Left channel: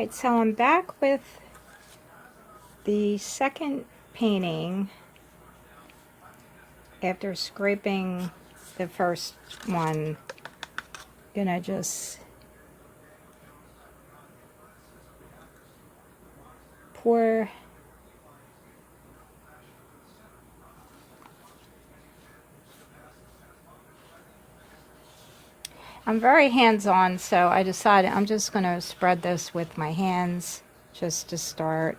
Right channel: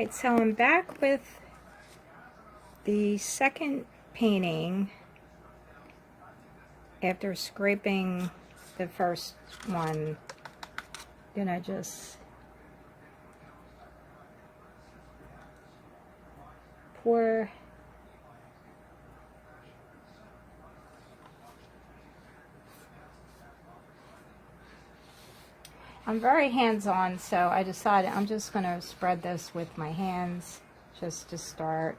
Alright, so I'm back with the second painting after scraping the first one. Gonna just pour I'm very hands-on, so I decided I'm just going to spread this with my hands just to start.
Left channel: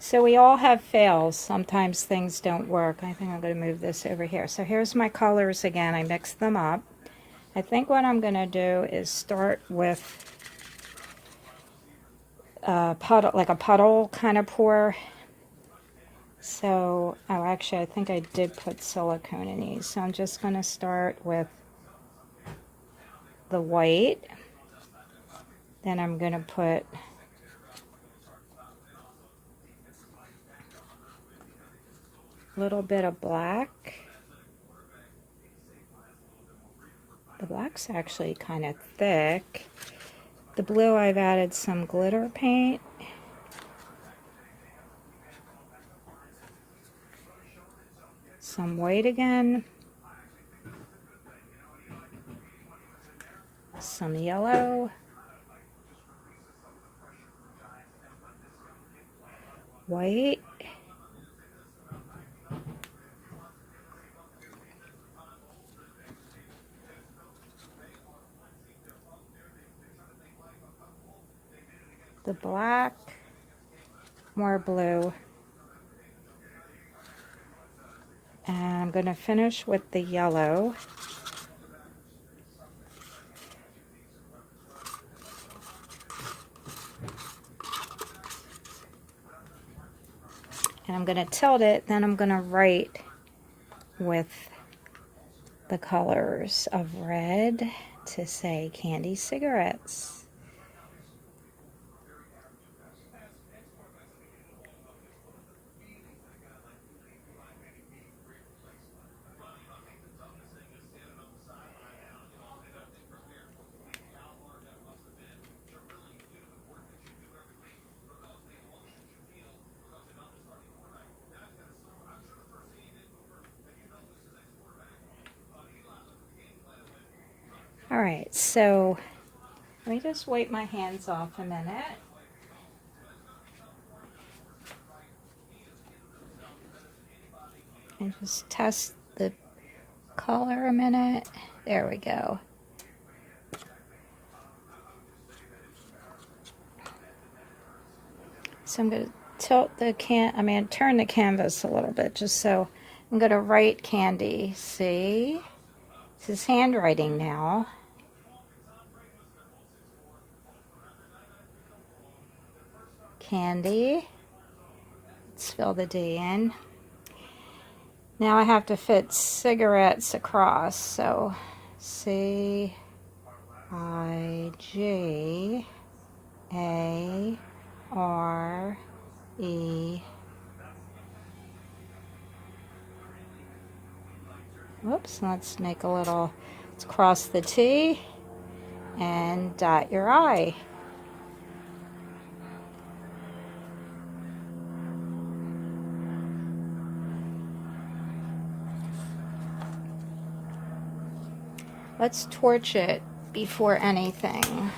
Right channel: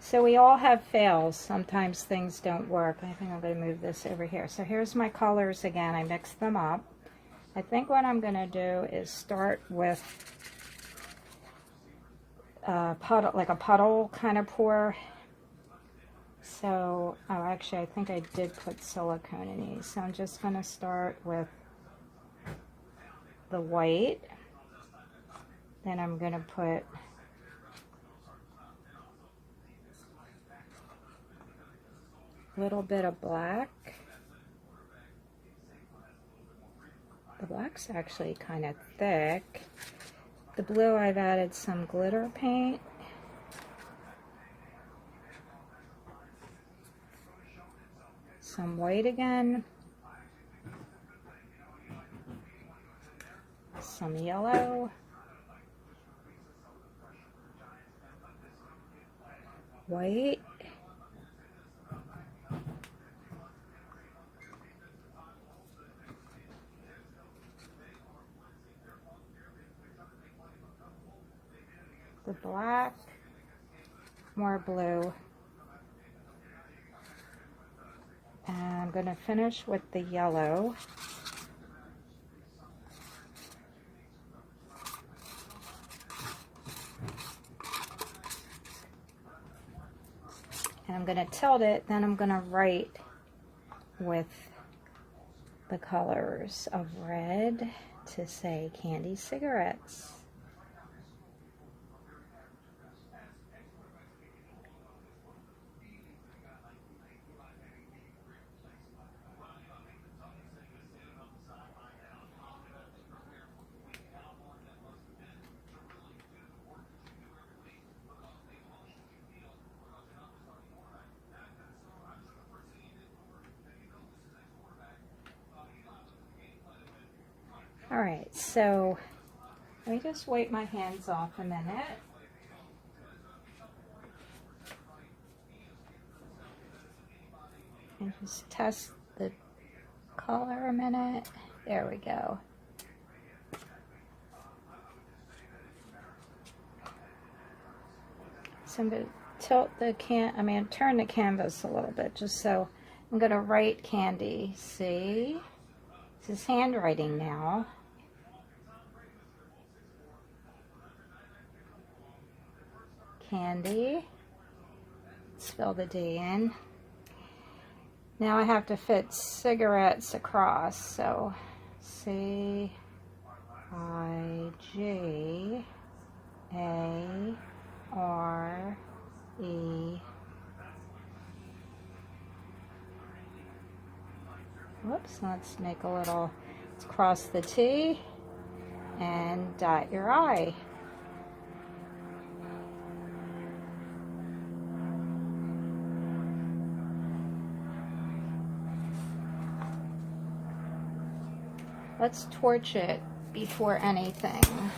So we all have fails. Sometimes things don't work. I think I'm going to move this over here. So here's my colors again. I mixed them up. I think what I'm going to do is start with a puddle, like a puddle kind of pour. So, oh, actually, I think I did put silicone in these. So I'm just going to start with the white. Then I'm going to put a little bit of black. The black's actually kind of thick. The blue, I've added some glitter paint. Some white again. Some yellow. White. The black. More blue. And I'm going to finish with the yellow. And I'm going to tilt it, then I'm going to write with the colors of red to say candy cigarettes. Alright, so let me just wipe my hands off a minute. And just test the color a minute. There we go. So I'm going to tilt the turn the canvas a little bit just so I'm going to write candy. See? This is handwriting now. Candy. Let's fill the D in. Now I have to fit cigarettes across. So C-I-G-A-R-E. Whoops, let's make a little, let's cross the T and dot your I. Let's torch it before anything.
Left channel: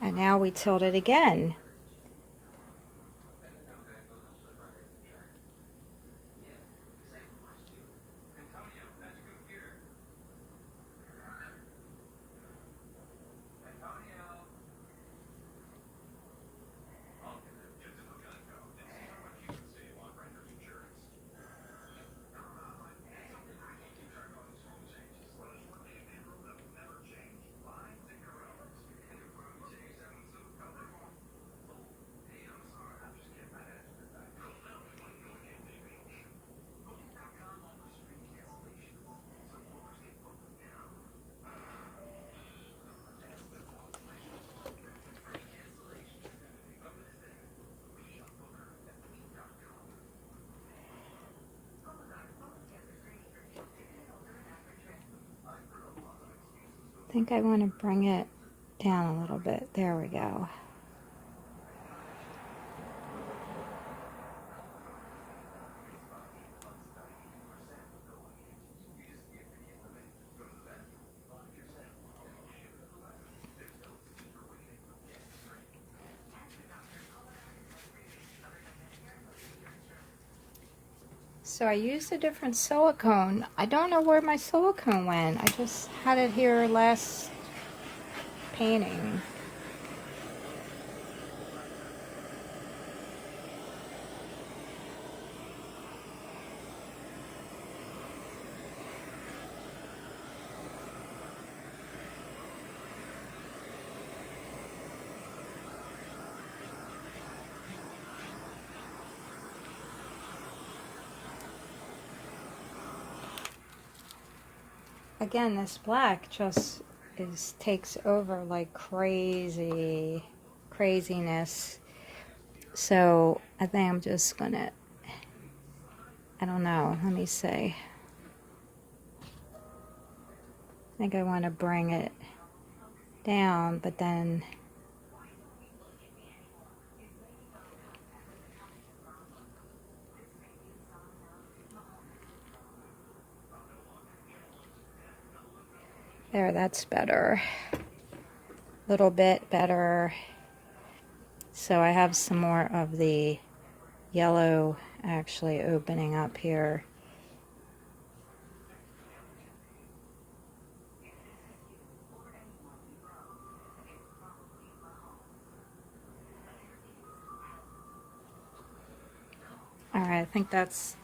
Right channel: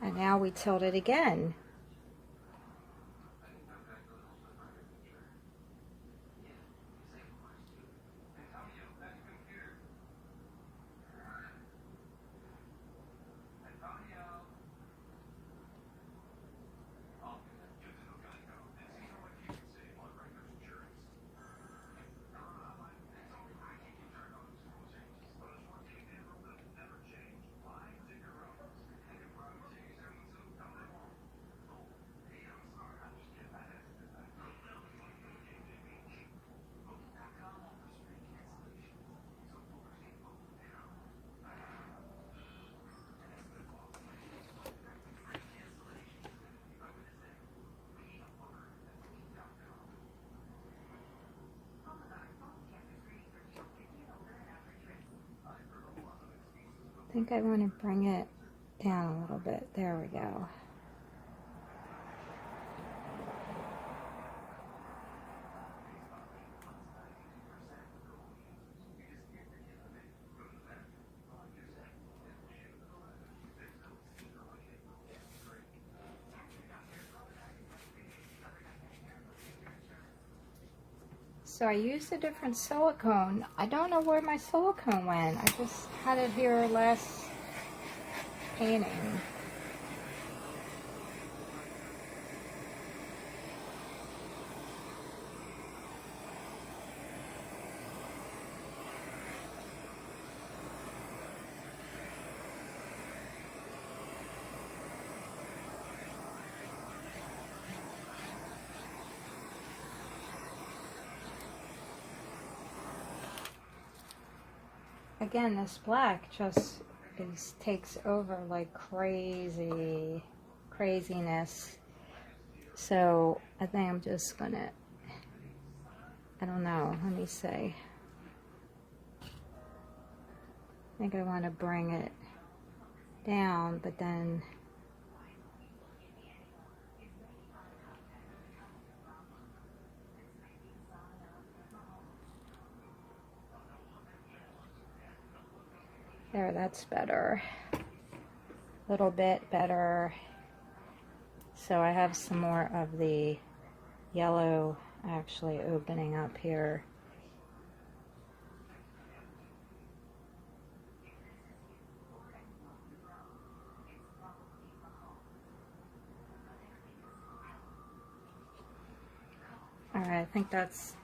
And now we tilt it again. think I want to bring it down a little bit. There we go. So I used a different silicone. I don't know where my silicone went. I just had it here last painting. Again, this black just takes over like craziness. So I think I'm just gonna, I don't know, let me see. I think I want to bring it down, but then there, that's better. A little bit better. So I have some more of the yellow actually opening up here. All right, I think that's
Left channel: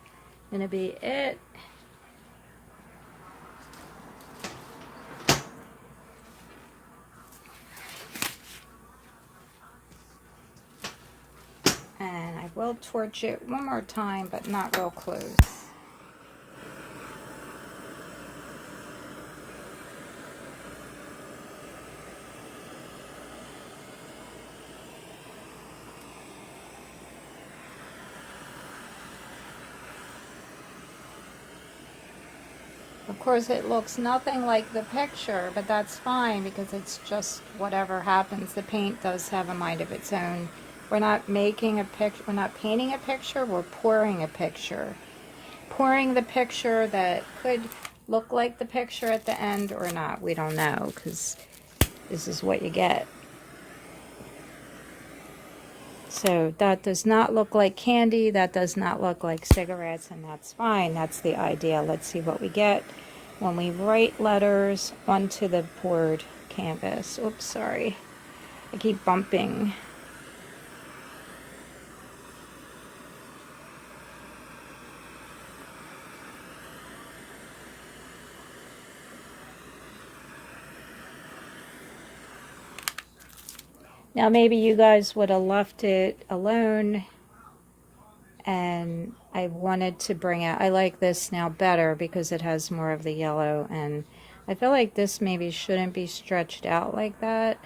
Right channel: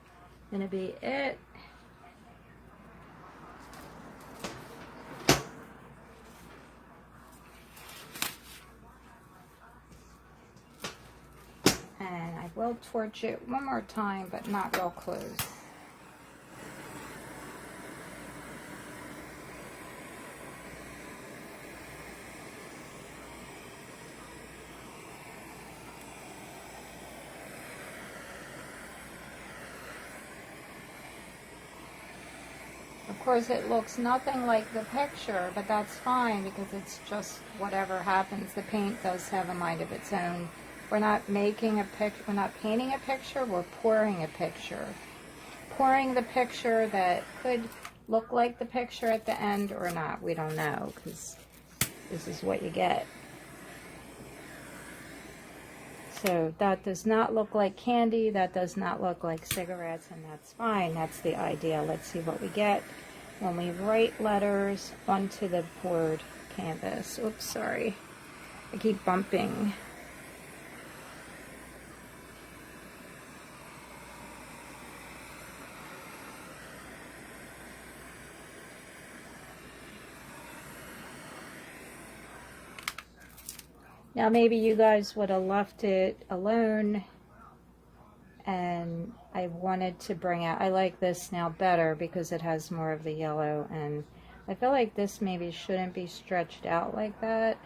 gonna be it. And I will torch it one more time, but not real close. Of course, it looks nothing like the picture, but that's fine because it's just whatever happens. The paint does have a mind of its own. We're not making a picture, we're not painting a picture, we're pouring a picture. Pouring the picture that could look like the picture at the end or not. We don't know because this is what you get. So that does not look like candy, that does not look like cigarettes, and that's fine. That's the idea. Let's see what we get when we write letters onto the poured canvas. Oops, sorry. I keep bumping. Now maybe you guys would have left it alone and I wanted to bring out, I like this now better because it has more of the yellow, and I feel like this maybe shouldn't be stretched out like that.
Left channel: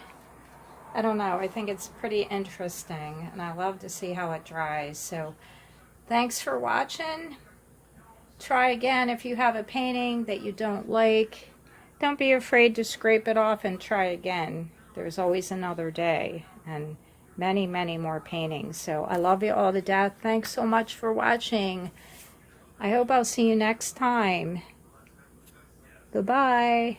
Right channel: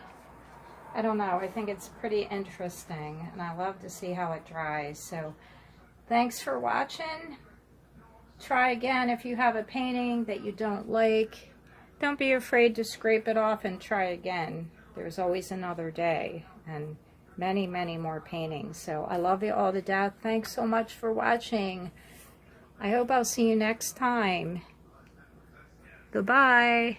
I don't know, I think it's pretty interesting and I love to see how it dries. So thanks for watching. Try again if you have a painting that you don't like. Don't be afraid to scrape it off and try again. There's always another day and many, many more paintings. So I love you all to death. Thanks so much for watching. I hope I'll see you next time. Goodbye.